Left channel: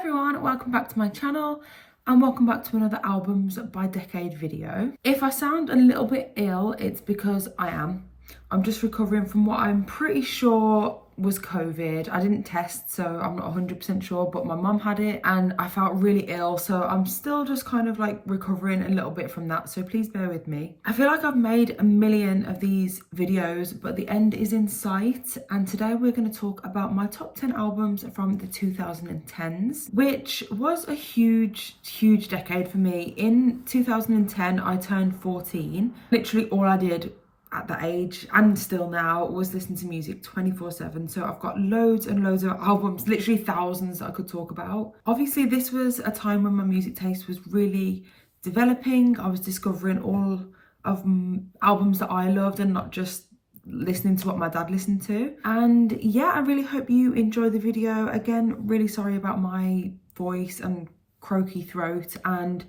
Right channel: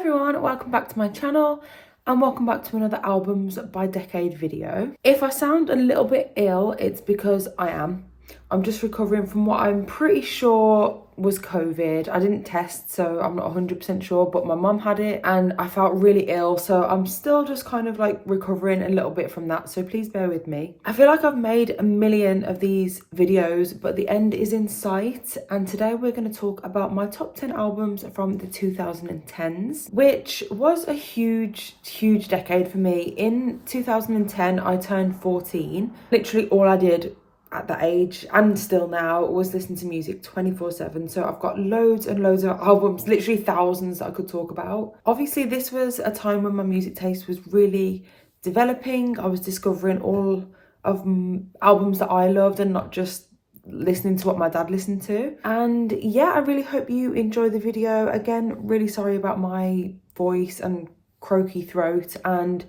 everyone, welcome back to my channel and welcome back to another albums by decade video. If I sound a little bit ill, it's because I am. I'm just recovering from what I'm pretty sure was COVID. I didn't test, so I'm not 100% sure, but my mum had it and I felt really ill, so I'm still just kind of like recovering a little bit from that, so please bear with me. I feel like I've made a million of these videos, but the end is in sight, and today we're going to talk about my top 10 albums from the 2010s, which was a huge decade for me. In 2010, I turned 14. Literally all I did at that age and still now was listen to music 24/7, so I've got loads and loads of albums, literally thousands that I could talk about. Obviously this was a time when my music taste was really developing. I was discovering all of albums that I loved and not just listening to what my dad listened to. And yeah, I really hope you enjoy the video. Again, really sorry about my voice and croaky throat, and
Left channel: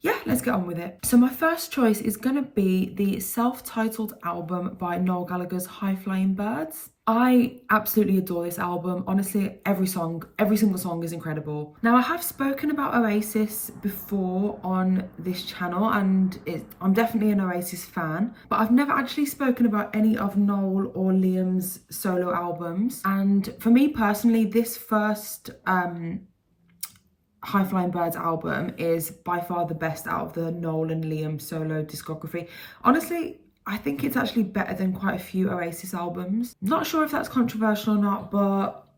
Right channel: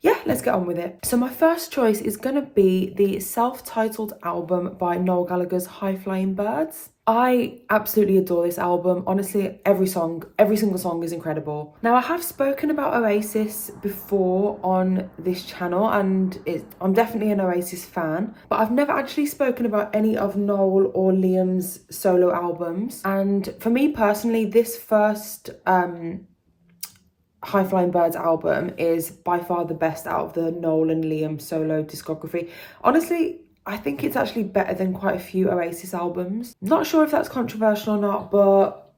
yeah, let's get on with it. So my first choice is gonna be the self-titled album by Noel Gallagher's High Flying Birds. I absolutely adore this album. Honestly, every single song is incredible. Now, I have spoken about Oasis before on this channel, and I'm definitely an Oasis fan, but I've never actually spoken about any of Noel or Liam's solo albums. And for me personally, this first High Flying Birds album is by far the best out of the Noel and Liam solo discography. Honestly, I think it's actually better than quite a few Oasis albums. Not sure if that's controversial or not, but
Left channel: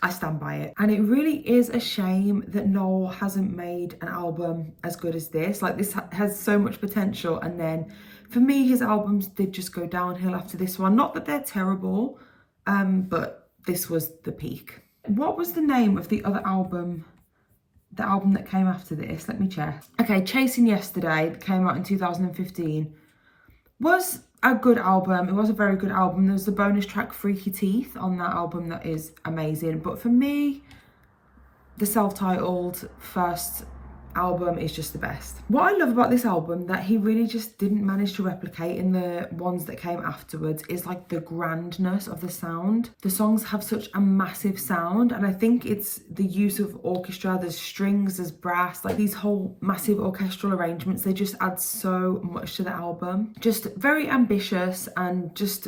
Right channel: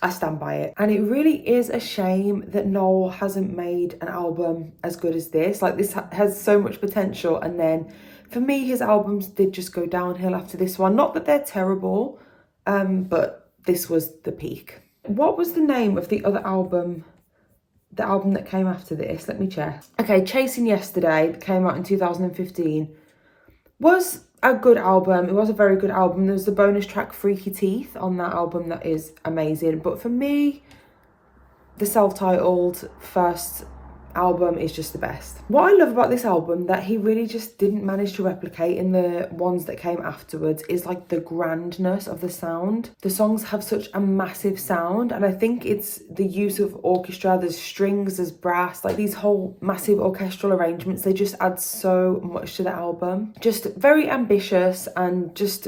I stand by it. And it really is a shame that Noel hasn't made an album as good as this. Like, this has so much potential, and then for me, his albums did just go downhill after this one. Not that they're terrible, but this was the peak. What was the name of the other album? The album that came after this, let me check. Okay, Chasing Yesterday, that came out in 2015, was a good album. It was a very good album. There was the bonus track Freaky Teeth on that album that is amazing. But for me, the self-titled first album is just the best. What I love about this album that he really just didn't manage to replicate in the ones that came afterwards is like the grandness of the sound. The songs have such a massive sound, and I think it's the use of orchestra. There's strings, there's brass, like these whole massive orchestral arrangements. They just add so much to the album. Just very ambitious and just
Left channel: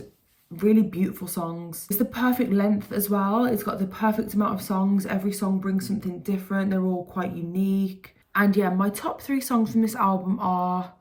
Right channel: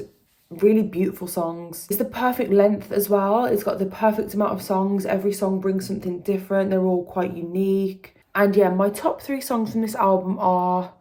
really beautiful songs. It's the perfect length as well. It's got the perfect amount of songs. Every song brings something different. They're all quite unique. And yeah, my top 3 songs from this album are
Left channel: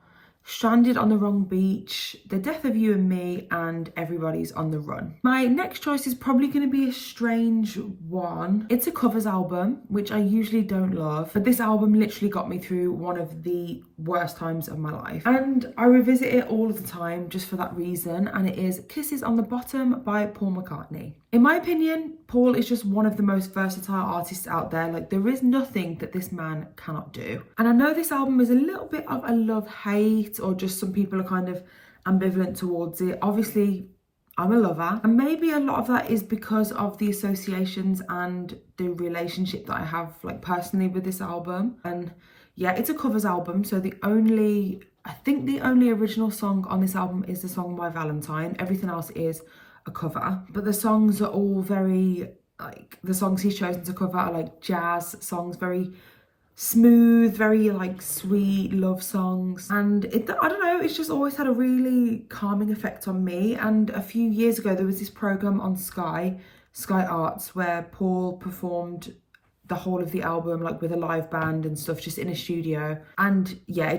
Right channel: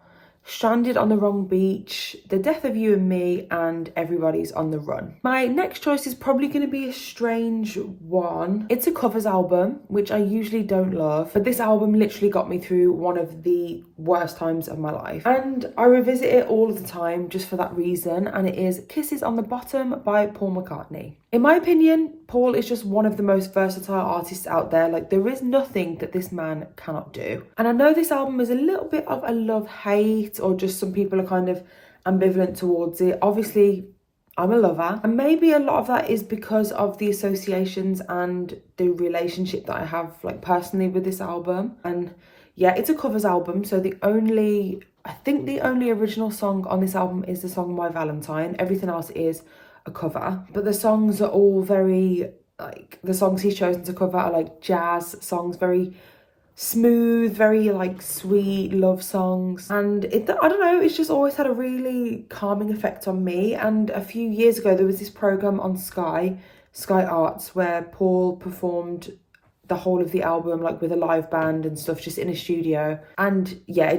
Stranded on the Wrong Beach, The Death of You and Me, and Everybody's on the Run. My next choice is probably going to be a strange one. It's a covers album, which I usually don't love, but this album literally got me through one of the worst times of my life. And I revisit it all of the time just for that reason, and it is Kisses on the Bottom by Paul McCartney. In my opinion, Paul is just one of the most versatile artists out there. Like, there is nothing that this man cannot do. And I know this album is a little bit of a love-hate, or just some people are kind of ambivalent towards it. Obviously, I'm a lover. And maybe a lot of that is because of the associations and the relationship that I have, like, personally with this album. And yeah, it's a covers album, so I think the only original song on this album is the song My Valentine. Everything else is a cover, but the songs are all very, like, the songs he's chosen to cover are like jazz songs, very smooth, very like sweet love songs. And I don't know, it's just always had a really calming effect on me. And a few years ago there was this program on Sky Arts, where Paul performed the whole of the album, like with a live band and stuff, just in a studio. And yeah,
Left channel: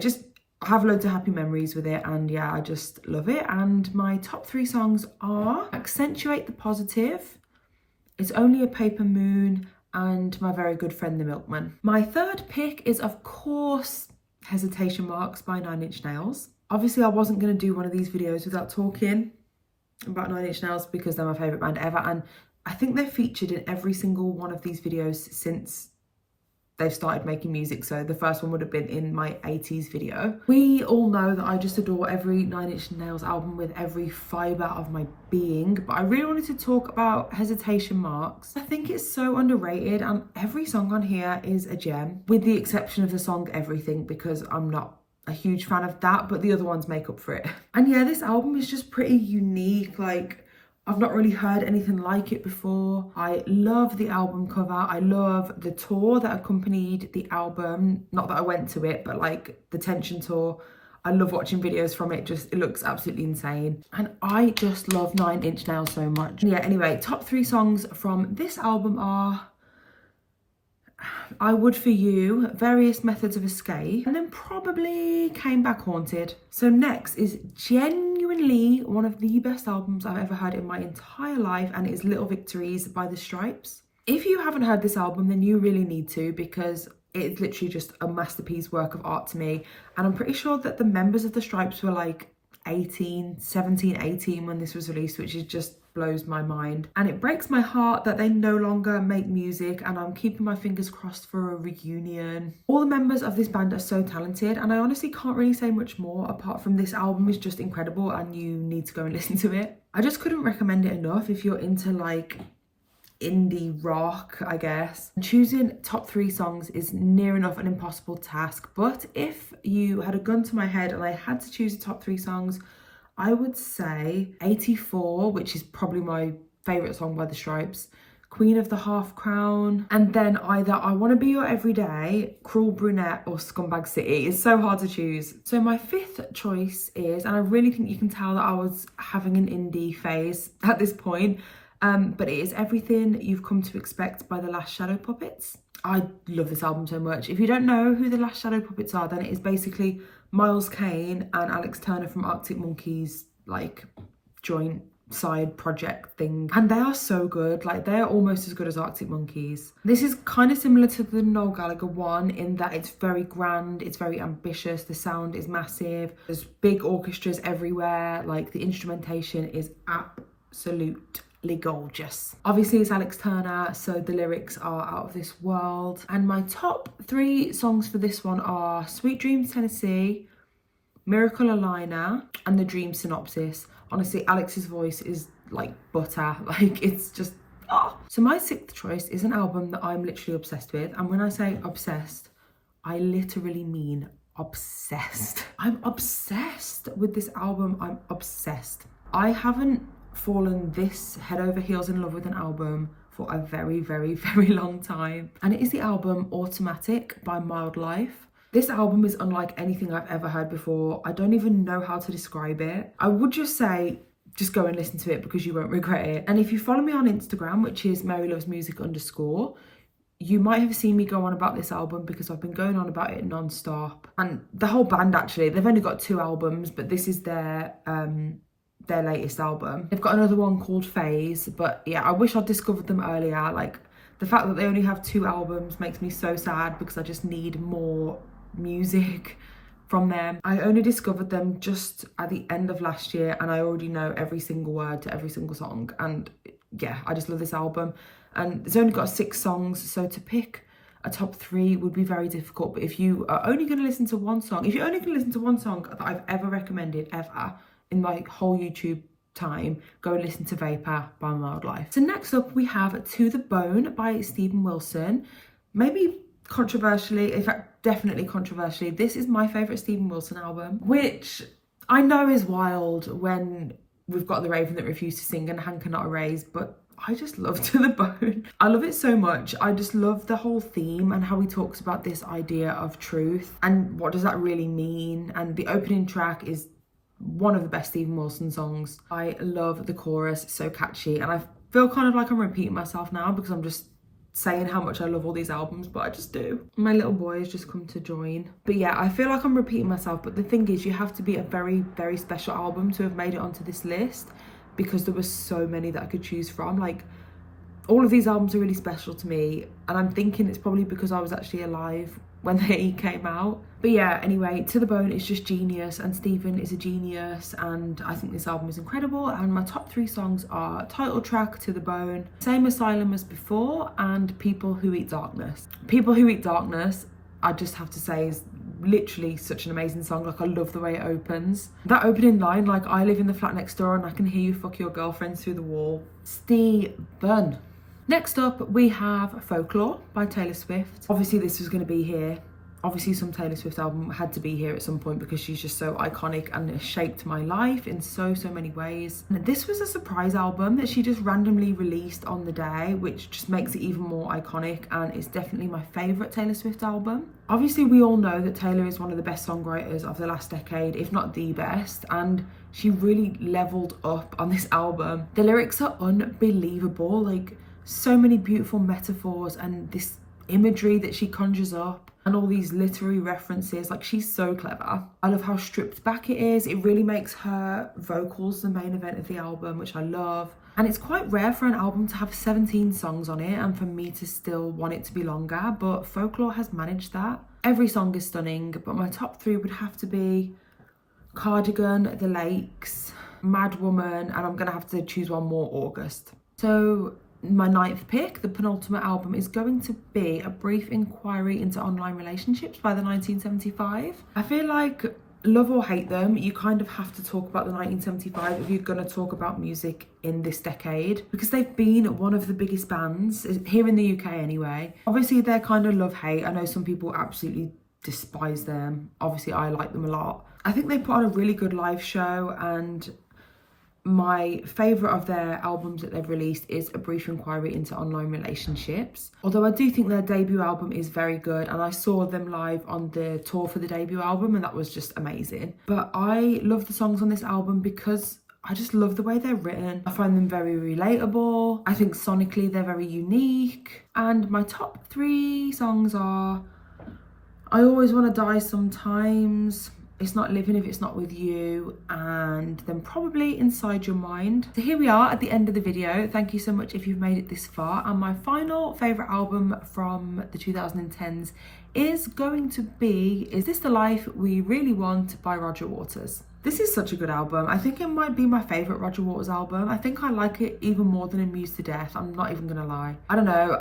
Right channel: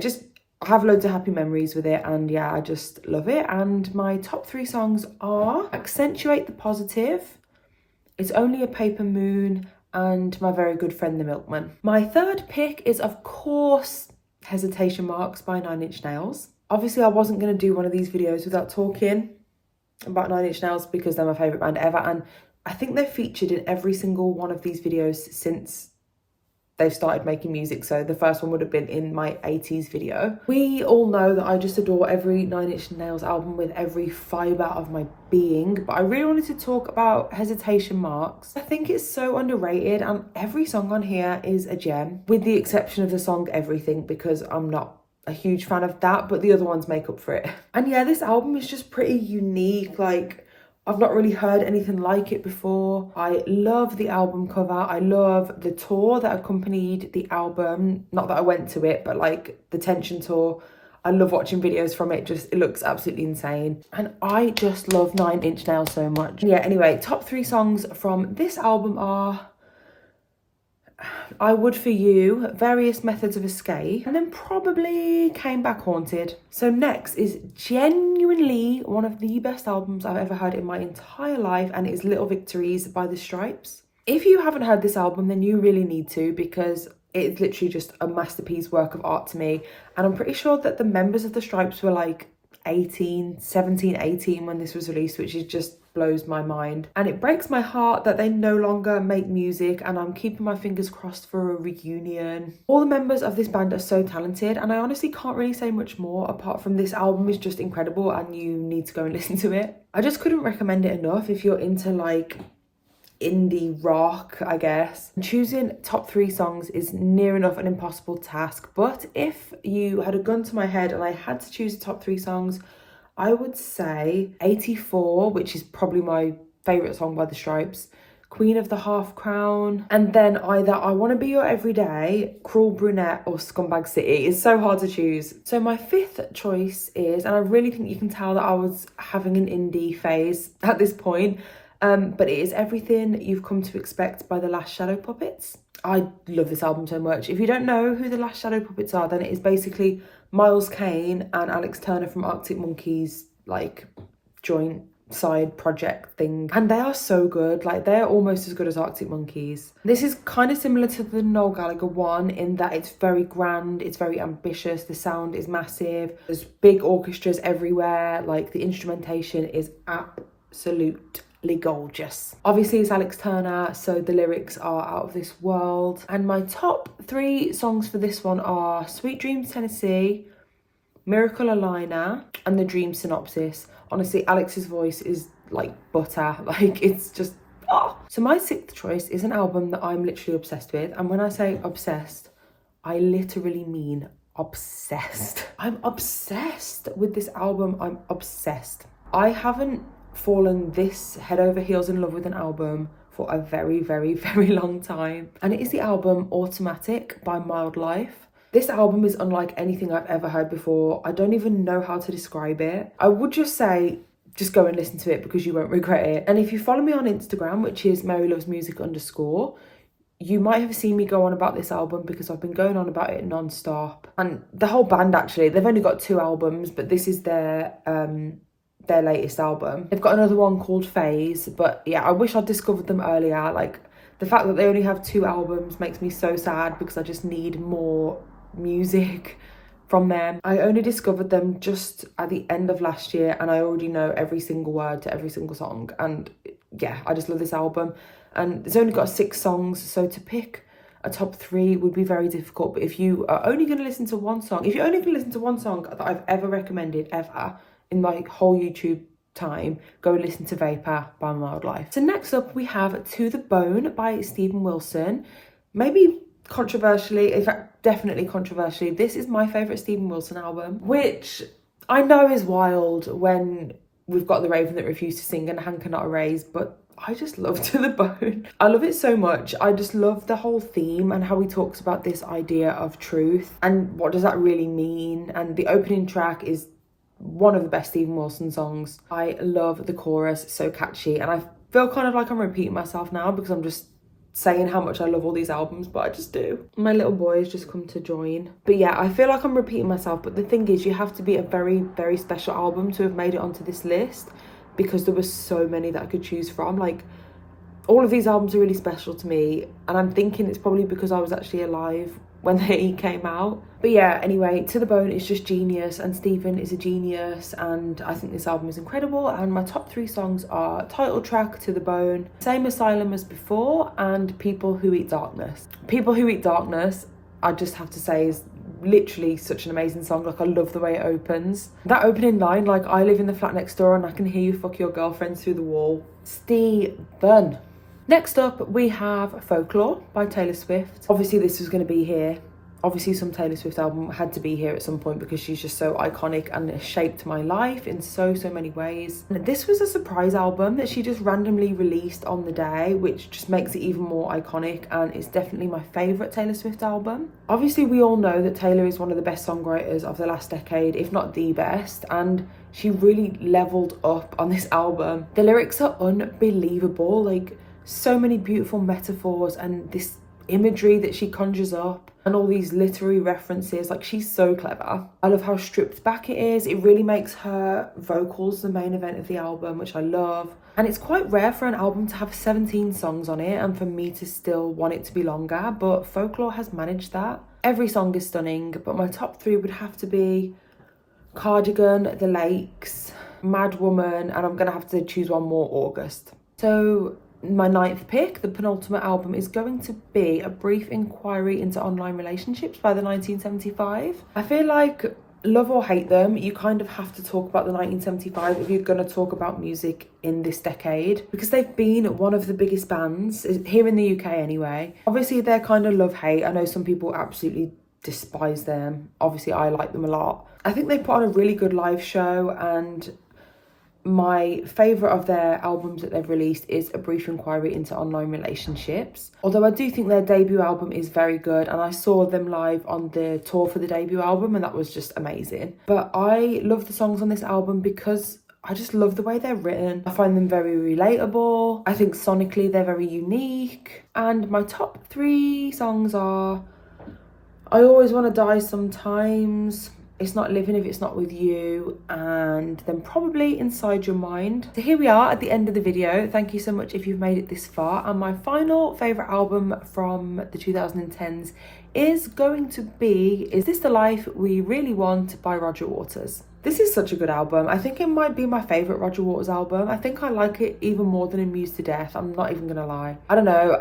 I have loads of happy memories with it, and yeah, I just love it. And my top 3 songs are Accentuate the Positive, It's Only a Paper Moon, and My Very Good Friend the Milkman. My third pick is, of course, Hesitation Marks by 9 Inch Nails. Obviously, I wasn't going to do one of these videos without talking about 9 Inch Nails because they're my favourite band ever, and I think they're featured in every single one of these videos since they've started making music. So the first one would have been in my 80s video. We all know that I just adore every 9 Inch Nails album with every fibre of my being, but I really wanted to talk about Hesitation Marks. I think it's so underrated, and every song on here is a gem, with the exception of the song Everything, because I'm not a huge fan of that, but the other ones make up for it. And yeah, this album is just pretty unique. Like, I've not really heard anything like it before. I love the album cover. I love the tour that accompanied the album. Not that I went to it, but like the Tension tour. I love watching videos from it. Just, it looks absolutely insane. And I just love Nine Inch Nails so much. Yeah, anyway, top 3 songs from this album are I Would For You, Various Methods of Escape, and then probably Came Back Haunted. So next is genuinely one of the best albums I've ever heard in my entire life, and it is Little Victories by The Stripes. If you haven't heard this album, then you really need to, because it's literally just a masterpiece work of art to me. And I'm pretty sure that the members of The Stripes were like 17, 18 when this was released, which is just blows my mind. And it breaks my heart that they no longer make music, and I'm keeping my fingers crossed for a reunion. All the members of this band are so talented, and I honestly can't really say much more apart from this album is just incredible and you need to go and listen to it. I just couldn't recommend it enough if you're into like indie rock, I guess. Choosing top 3 songs is near enough an impossible task, but if you had a gun to my head and I had to choose the top 3 songs, I would say 84, which is probably my favourite song by The Stripes, Queen of the Half Crown, and then either I Want to Be Your Everyday, Cruel Brunette, or Scumbag City. It's so hard to choose. So my 5th choice is, and I really think you can tell that I was having an indie phase at this point, but it is Everything You've Come to Expect by The Last Shadow Puppets. I love this album so much. If you don't know who The Last Shadow Puppets are, then it is basically Miles Kane and Alex Turner from Arctic Monkeys, like joint side project thing, and they are so good. Like, they're almost as good as Arctic Monkeys. This is kind of similar to the Noel Gallagher one in that it's very grand, it's very ambitious, the sound is massive, there's big orchestras everywhere, like the instrumentation is absolute gorgeous. Obviously it's Alex Turner, so the lyrics are out of this world. And my top 3 songs for this one are Sweet Dreams Tennessee, Miracle Alina, and The Dream Synopsis. Honestly, Alex's voice is like butter. Like, it's just So my 6th choice is an album that I'm literally obsessed with, and when I say obsessed, I literally mean obsessed. I'm obsessed with this album. I'm obsessed. I haven't fallen this head over heels in love with an album for a very, very, very long time, and it is the album Automatic by Mild Life. This album is unlike anything I've ever heard before. I don't even know how to describe it. I would just say just go and listen to it because you won't regret it. And if you follow me on Instagram, which is marylovesmusic_, you might have seen me go on about this album because I've been going on about it non-stop. And the whole band, actually, they've only got 2 albums, but this is their latest album. They've got another one called Phase, but yeah, I wish I'd discovered them earlier. Like, the fact that they only have 2 albums makes me so sad because I just need more music from them. I only discovered them just at the end of last year, and I already know every single word to every single song, and yeah, I just love this album. And it's only got 6 songs, so to pick a top 3 would be very difficult. But if you are only going to listen to one song, that I've ever recommended ever in my whole YouTube time, go and listen to Vapor by Mild Life. So next up we have To The Bone by Steven Wilson. Maybe controversially, in fact definitely controversially, this is my favourite Steven Wilson album, which I know is wild when we've got The Raven That Refused to Sing and Hand Cannot Erase, but I just love To The Bone. I love it so much. I just love the whole theme and how he talks about this idea of truth and what does that really mean. And the opening track is one of the best Steven Wilson songs. I love the chorus, it's so catchy, and I feel kind of like I'm repeating myself now because I'm just saying how much I love all these albums, but I just do. My little boy has just come to join. But yeah, I feel like I'm repeating myself, but the thing is, you have to be a very, very special album to have made it onto this list because there were so many that I could choose from. Like, all of these albums are really special to me, and I'm thinking it's probably because I was actually alive when they came out. But yeah, anyway, To The Bone is just genius, and Steven is a genius, and I think this album is incredible. And my top 3 songs are title track To The Bone, Same Asylum as Before, and People Who Eat Darkness. People Who Eat Darkness, I just have to say, is literally such an amazing song. Like, I love the way it opens. That opening line, like, I live in the flat next door and I can hear you fuck your girlfriends through the wall. Steven. Next up, we have Folklore by Taylor Swift. Obviously, this was going to be here Obviously some Taylor Swift album had to be here at some point because she's just so iconic and has shaped my life in so many ways. And this was a surprise album that she just randomly released on the day, which just makes it even more iconic, and it's definitely my favourite Taylor Swift album. Obviously we all know that Taylor is one of the best songwriters of the last decade, if not the best, and she really leveled up on this album. The lyrics are unbelievable, like so many beautiful metaphors and this imagery that she conjures up and all these literary references. Like, she's so clever. I love how stripped back it is. It really makes her vocals the main event of the album, which I love. And it's quite rare for an album to have 17 songs on it and for me to still want it to be longer, but Folklore has managed that. Every song is stunning, but my top 3 would have to be Cardigan, The Lakes, Mad Woman, and I'm gonna have to choose one more, August. So my 9th pick, the penultimate album, is going to be A Brief Inquiry into Online Relationships by the 1975. I feel like, love or hate them, you kind of have to talk about the 1975 if you're going to talk about music in this decade, because they've been one of the biggest bands, here in the UK anyway. Obviously they're kind of love-hate. I know some people absolutely despise them. Obviously I like them a lot. I think they put on a really good live show, and my favourite of their albums that they've released is A Brief Inquiry into Online Relationships. Although I do think their debut album is very good, and I saw them live on the tour for the debut album and that was just amazing. But I love the songs on this album because I just love the way they're written. I find them very relatable. I think sonically they're very unique. And my top 3 songs are I Always Want to Die Sometimes, It's Not Living If It's Not With You, and then probably Inside Your Mind. So here we are at the end of the video. Thank you so much if you've made it this far. And my final favourite album from the 2010s is going to be Is This the Life We Really Want by Roger Waters. This is such a good album. I think it might be my favourite Roger Waters album. I think I like it even more than Amused to Death. I'm not even gonna lie. I don't know,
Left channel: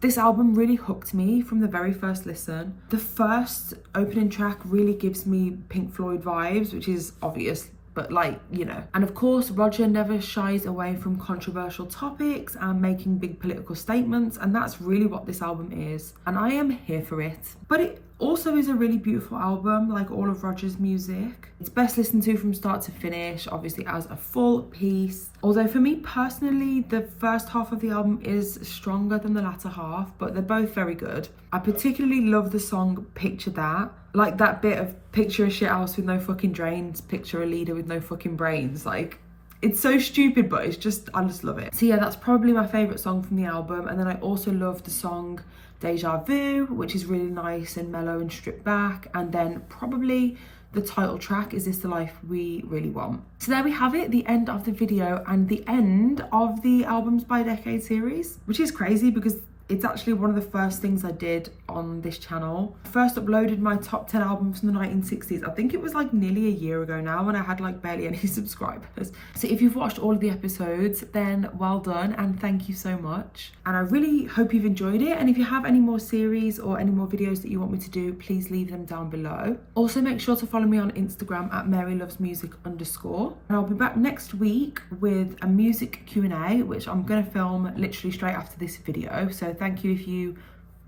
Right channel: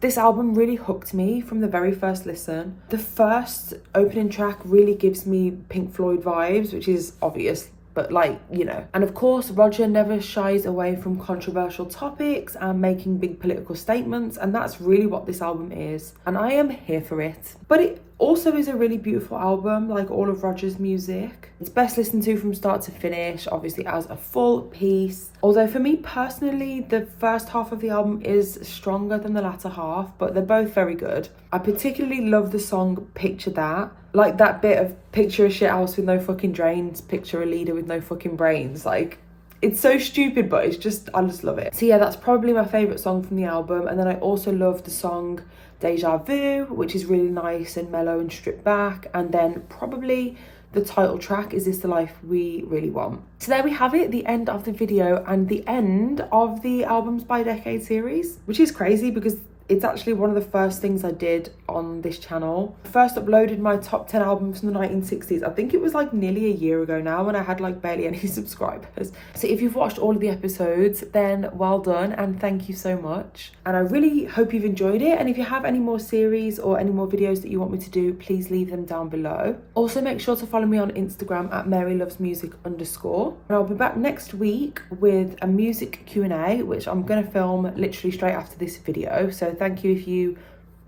this album really hooked me from the very first listen. The first opening track really gives me Pink Floyd vibes, which is obvious, but like, you know. And of course, Roger never shies away from controversial topics and making big political statements, and that's really what this album is. And I am here for it. But it also is a really beautiful album, like all of Roger's music. It's best listened to from start to finish, obviously as a full piece. Although for me personally, the first half of the album is stronger than the latter half, but they're both very good. I particularly love the song Picture That. Like that bit of picture a shit house with no fucking drains, picture a leader with no fucking brains. Like, it's so stupid, but I just love it. So yeah, that's probably my favourite song from the album. And then I also love the song Deja Vu, which is really nice and mellow and stripped back. And then probably the title track, Is This the Life We Really Want? So there we have it, the end of the video and the end of the Albums by Decade series, which is crazy because it's actually one of the first things I did on this channel. I first uploaded my top 10 albums from the 1960s. I think it was like nearly a year ago now, when I had like barely any subscribers. So if you've watched all of the episodes, then well done and thank you so much. And I really hope you've enjoyed it. And if you have any more series or any more videos that you want me to do, please leave them down below. Also make sure to follow me on Instagram at marylovesmusic_. And I'll be back next week with a music Q&A, which I'm gonna film literally straight after this video. So thank you if you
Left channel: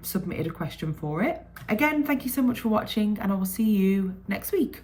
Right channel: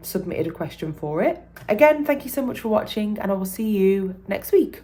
submitted a question for it. Again, thank you so much for watching and I will see you next week.